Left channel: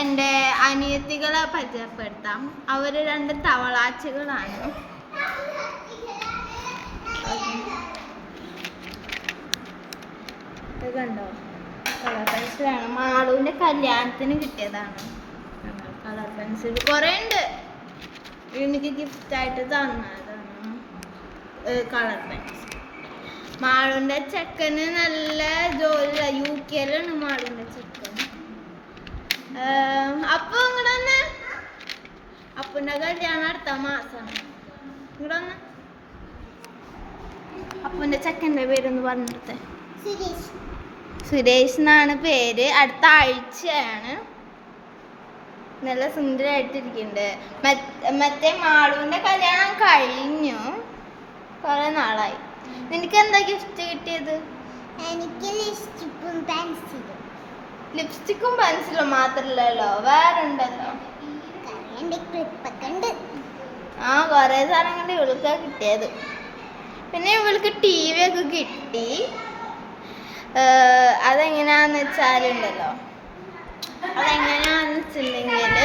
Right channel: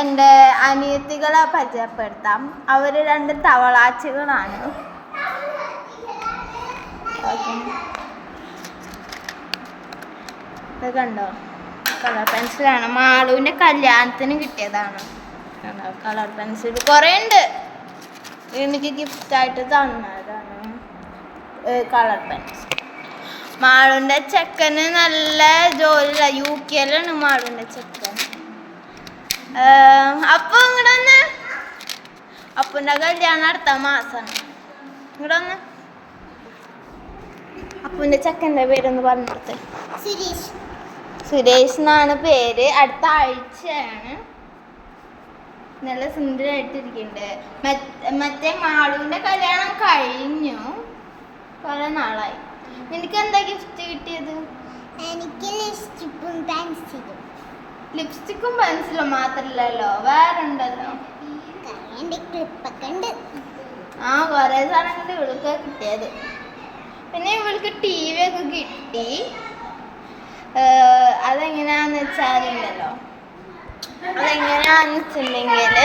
എന്റെ അനിയത്തികളെ പരിചയപ്പെടുത്താം. അവർ രണ്ട് തവളാച്ചുകളാണ്. കണ്ടോ? കളർ പെൻസിലാണ്. മാളുവിന്റെ കല്യാണത്തിന് കിട്ടിയതാണ്. Colour pencil. കുറേ ഉണ്ട്. എനിക്ക് ഗിഫ്റ്റായിട്ട് തന്നതാണ്. Colour pencil. മാളുവിന്റെ ചെക്കന് നല്ല ജോലിയില്ല. യു കെയിലാണ് മാളുവിന്റെ ചെക്കൻ. അപ്പൊ ഇങ്ങോട്ട് വന്ന് അപ്പന്റെ കല്യാണം അടുത്ത മാസമാണ് ഇങ്ങോട്ട് വന്ന് അപ്പന്റെ ചെക്കന്റെ പേരൊന്ന് പറഞ്ഞിടത്തെ സുരേഷ്. സുരേഷ് എന്നാണ് പേര്. അടുത്ത ആഴ്ചയാണ്. നല്ല സുന്ദരമായിട്ടിരിക്കുന്നുണ്ട് മറ്റ് മാളുവിന്റെ കല്യാണം കഴിഞ്ഞു. കുറെ നാളായി. നിനക്ക് എന്താ ഗിഫ്റ്റ് കിട്ടിയത്? എനിക്ക് ലിസ്റ്റിപ്പും പെൻസിലും. ലിപ്സ്റ്റിക്കും പെൻസിലും മാത്രല്ലല്ലോ വേറെ ഉണ്ടല്ലോ ആ കുറെ സാധനങ്ങൾ ഇവൾക്ക് കിട്ടിയത്. പിന്നെ ഇവൾക്ക് ടി വി ഒക്കെ കിട്ടി അതെങ്ങനെയാന്ന് വെച്ചാലുണ്ടല്ലോ അതെങ്ങനെയാന്ന് വെച്ചിട്ടുണ്ടെങ്കിൽ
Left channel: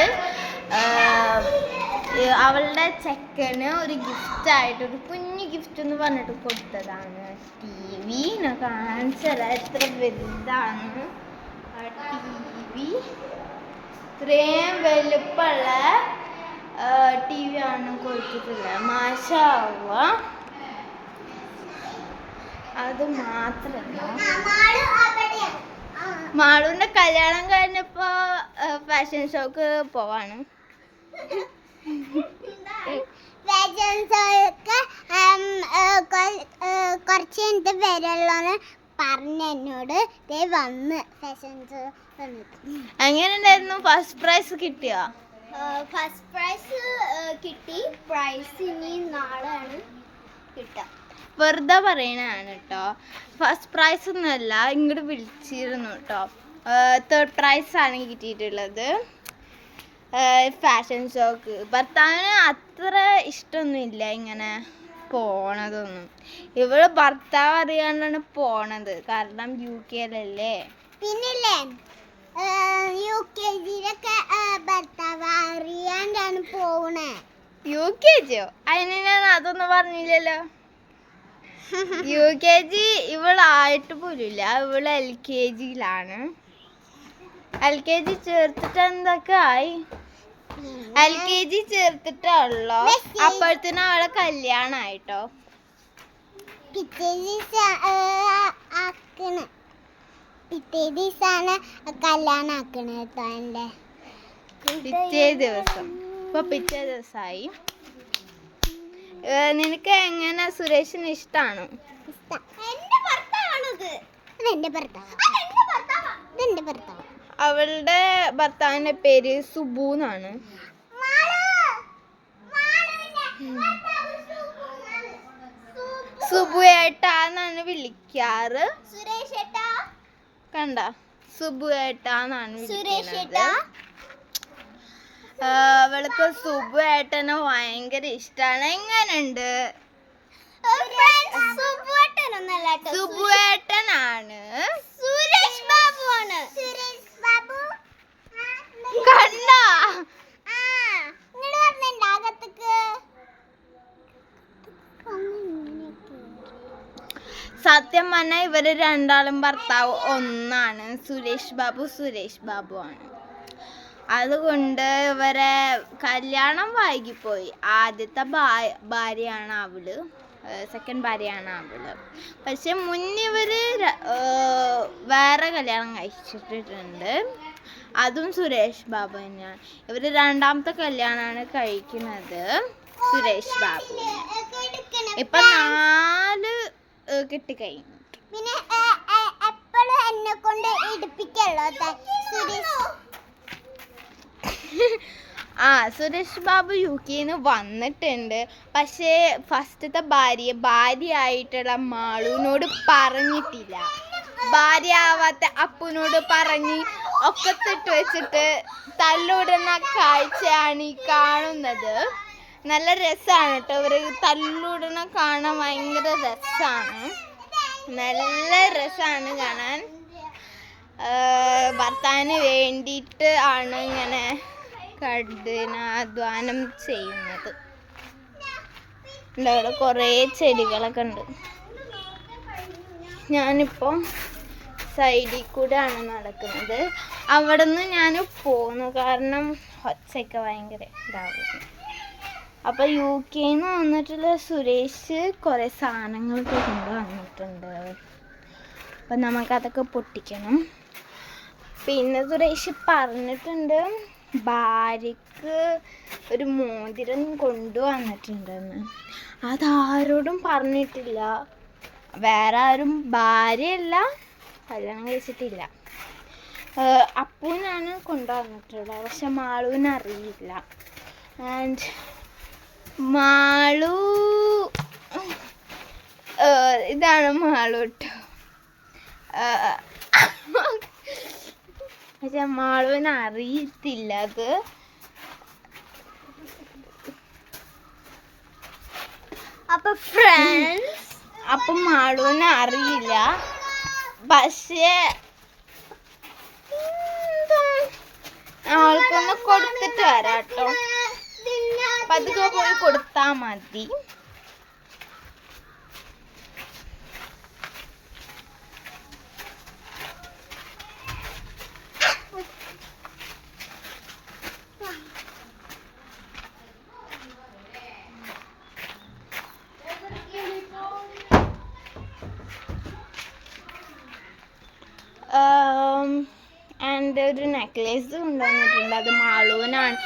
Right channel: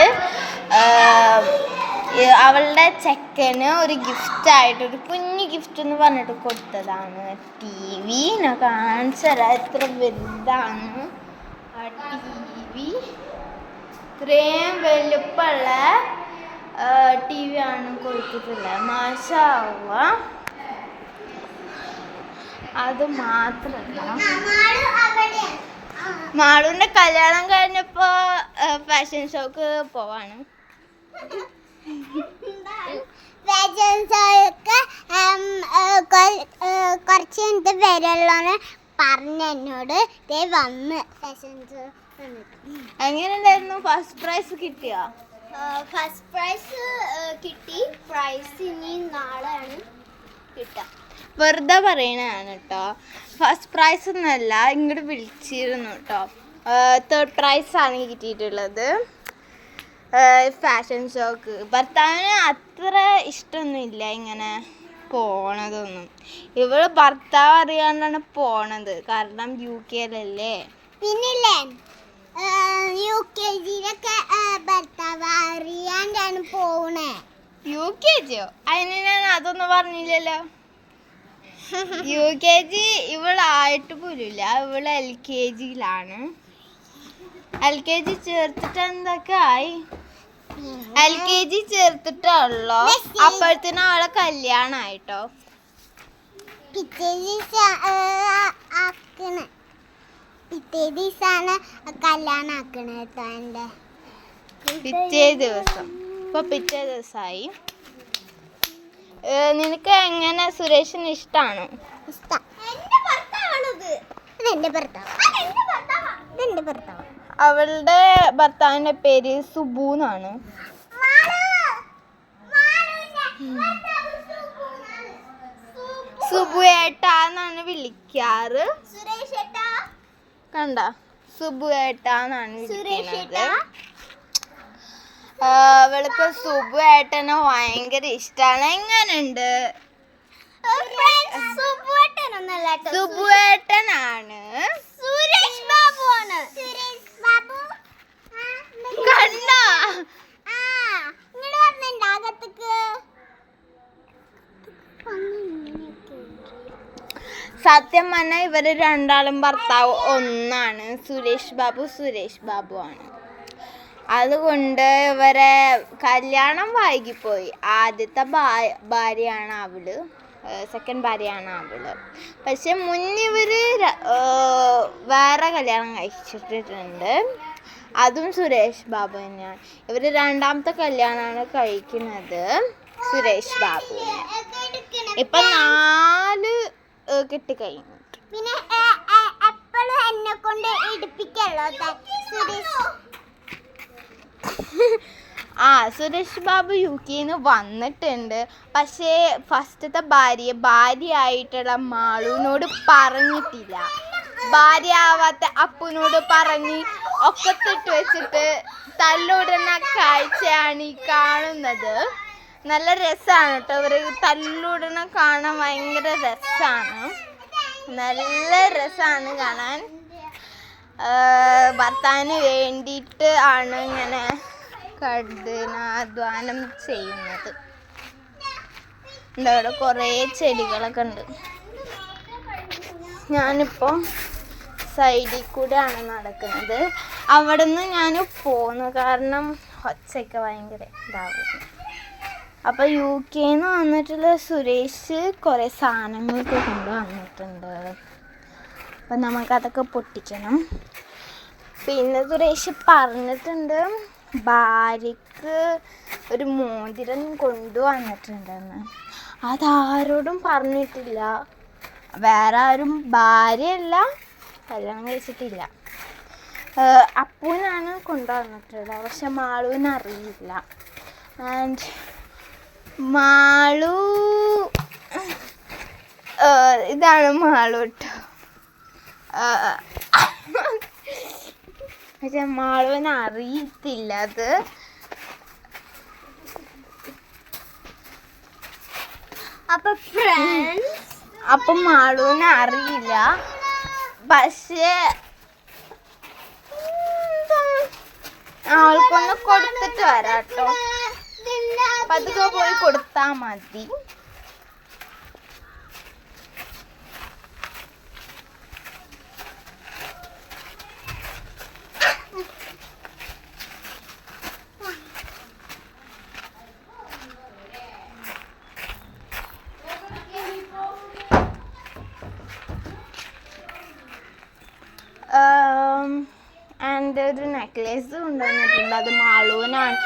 അവളുടെ ചെക്കന് ഒരു ഗിഫ്റ്റ് ആയിട്ട് ഒരു കുഞ്ഞു ഗിഫ്റ്റ് എന്ന് പറഞ്ഞിട്ട് കൊടുത്തതാണ്. ടി വി ഞാൻ കാണിച്ചല്ല എത്ര വലുതാണ്. ടി ഇത്രയും വലുപ്പമുള്ള ടി വി ആണ് കൊടുത്തിട്ടുള്ളത്. മാഷാവ അത് മാത്രല്ല. മാളുവിന്റെ കല്യാണം കഴിഞ്ഞപ്പോൾ ഫാഷൻ ഷോക്ക് പോവാണ്. ഫാഷൻ ഷോയ്ക്ക് കുറച്ച് കഴിഞ്ഞിട്ട് വരുള്ളൂന്ന് പറഞ്ഞ എന്നോട് ദേ വന്ന് ഫാഷൻ ഷോ എങ്ങനെയുണ്ടായിരുന്നു? ഫസ്റ്റ് പ്രൈസ് കിട്ടിയോ? ഫസ്റ്റ് പ്രൈസ് കിട്ടി. പ്രൈസ് ഇനി നാളെയാണ് കിട്ടുക. വെറുതെ പറയണതാണ് കേട്ടോ ഫസ്റ്റ് പ്രൈസ് ഒന്നുമല്ല ഇങ്ങോട്ട് വിളിച്ചിരുന്നു കേട്ടോ തേർഡ് പ്രൈസ് ആണ് കിട്ടിയിട്ടുള്ളത്. ഫാഷൻ ഷോക്ക് ഭർത്താവിന് അത്ര ഇഷ്ടമൊന്നുമില്ല ഇങ്ങനെ. പോണതൊന്നും. ഇവൾ ഭർത്താവ് അറിയാണ്ടാണ് പോണത്. കാരണം യു കെയിലല്ലേ? പിന്നില്ലേ യു കെ ജിയിലൊക്കെ ഭർത്താവ് അറിയാണ്ടാണ് പോണേ. യു കെ ജിയോ? അതിന് ഞാൻ അതൊന്നും പറഞ്ഞില്ലല്ലോ. യു കെ ജി ഇവളായിട്ട് പോലുമില്ല ഇവൾ എൽ കെ ജിയിലാണ്. എൽ കെ ജി ചേർത്തിട്ട് എന്തൊക്കെ ആയി? എൽ കെ ജി ചേർത്തിട്ടുള്ളോ അപ്പോഴത്തേനും അവളെ കല്യാണായിട്ടോ? പിറ്റേ ദിവസമാണ് കല്യാണം ആക്കണ കേട്ടോ എന്റെ. പിറ്റേ ദിവസം. ഇപ്പൊ പിറ്റേ ദിവസമായി നിനക്ക് എങ്ങനെ സുരേഷിന് ഇഷ്ടമാണോ ഇഷ്ടം. ഇതെന്റെ ഭർത്താവ്. ഇതെന്റെ ഭർത്താവ്. അവളുടെ ഭർത്താവിന്റെ പേര് സുബു എന്നാണ്. സുബു ഏട്ടാന്നാണ് വിളിക്കാറ്. കണ്ട? സുബു ഏട്ടാന്നാണ് സുരേഷ് വിളിക്കുന്നത് അവൾക്ക് സുബു ഏട്ടനെ ഭയങ്കര ഇഷ്ടമാണ് എങ്ങനുണ്ട്. സുബു ഏട്ടനാണ് സുരേഷ് ബാബു ആണ് കണ്ട. സത്യം പറഞ്ഞാൽ ഇവർ രണ്ടാളും ഭർത്താവ് ഒന്നാണ്. സുരേഷ് ബാബു സുരേഷ് ബാബു ആണ്. അതുകൊണ്ട് ഇവരെ കല്യാണം വൈകിപ്പോയി. ആദ്യത്തെ ഭാര്യയാണ് അവൾ. സെക്കൻഡ് ഭാര്യയാണ് അവൾ. പക്ഷെ മുന്നിവര് വേറെ കല്യാണം കഴിച്ചിട്ടുണ്ട് അതും സുരേഷ് ബാബു തന്നെയാണ്. ഇവർ രണ്ടാമത്തെ കല്യാണമാണ് കഴിക്കുന്നത് സുരേഷ് ബാബുവിനെ ഇപ്പൊ നാല് കഴിഞ്ഞു പിന്നെ എന്നെ കൊണ്ട് ഇടിപ്പിക്കല്ലോ സുരേഷ്. ആ സുരേഷ് ബാബു യു കെന്ന് വന്നിട്ടുണ്ട്. പക്ഷേ ഫസ്റ്റത്തെ ഭാര്യ ആയിട്ടുള്ള മാളുവിനോട് പറഞ്ഞിട്ടില്ല. ഭാര്യ ആവാത്ത അപ്പുനോട് പറഞ്ഞ് ഒക്കത്തിട്ട് വെച്ചിട്ട് തല്ലുവിടുന്ന കാഴ്ചയാണ് ഈ കാണുന്നത്. നല്ല രസമാണ് കേട്ടോ. ഇവർ തല്ലുവിടുന്ന കാണാൻ ഭയങ്കര രസമാണ് നല്ല രസമാണ് കാണാൻ. ഭർത്താവിന് വേണ്ടിയിട്ട് ആണ് ഇങ്ങനെ കഠിനാധ്വാനം ചെയ്യുന്നത്. ഉണ്ട് അവിടെ കുറേ ചെടികളൊക്കെ ഉണ്ട്. ഞാനിപ്പോൾ സൈഡിൽ ആണ് നടക്കുന്നത്. അവിടെ നിന്ന് ഞാൻ പോന്നു. കാരണം ഒച്ചയൊക്കെ ഭയങ്കര ഇതാവുന്നു. അപ്പോൾ യു കെന്ന് വന്നിട്ടുള്ള സുരേഷ് കുറേ സാധനങ്ങളൊക്കെ കൊണ്ടുവന്നിട്ടുണ്ട്. അപ്പം നമുക്കതൊക്കെ പൊട്ടിക്കണം. പിന്നെ സുരേഷ് പറഞ്ഞിട്ടുണ്ട് ഭാര്യക്ക് ഒരു മോതിരം കൊണ്ടുവന്നിട്ടുണ്ടെന്ന്. അതാരോടും പറഞ്ഞിട്ടില്ല. വേറെ ആരും ഭാര്യയല്ല കല്യാണം കഴിച്ചിട്ടില്ല. അപ്പൂനാണ് കൊണ്ടുവന്നിട്ടുള്ളത്. പക്ഷെ മാളുവിന് അറിയില്ല. ആൻഡ് മാളു ഇതാണ് മാളു കേട്ടോ പക്ഷെ മാളുവിന് അറിയത്തില്ല അത്. അപ്പൊ അപ്പൊ മാളുവിന് അറിയില്ല. പക്ഷേ ആൾക്കൊന്ന് കൊടുത്തിട്ട് വരാട്ടോ. പതുക്കെ പോയി കൊടുത്താ മതി എന്റെ ഒരു നെക്ലേസ് കൊണ്ടുവന്നിട്ടുണ്ട് അത് മാളൂനാണ്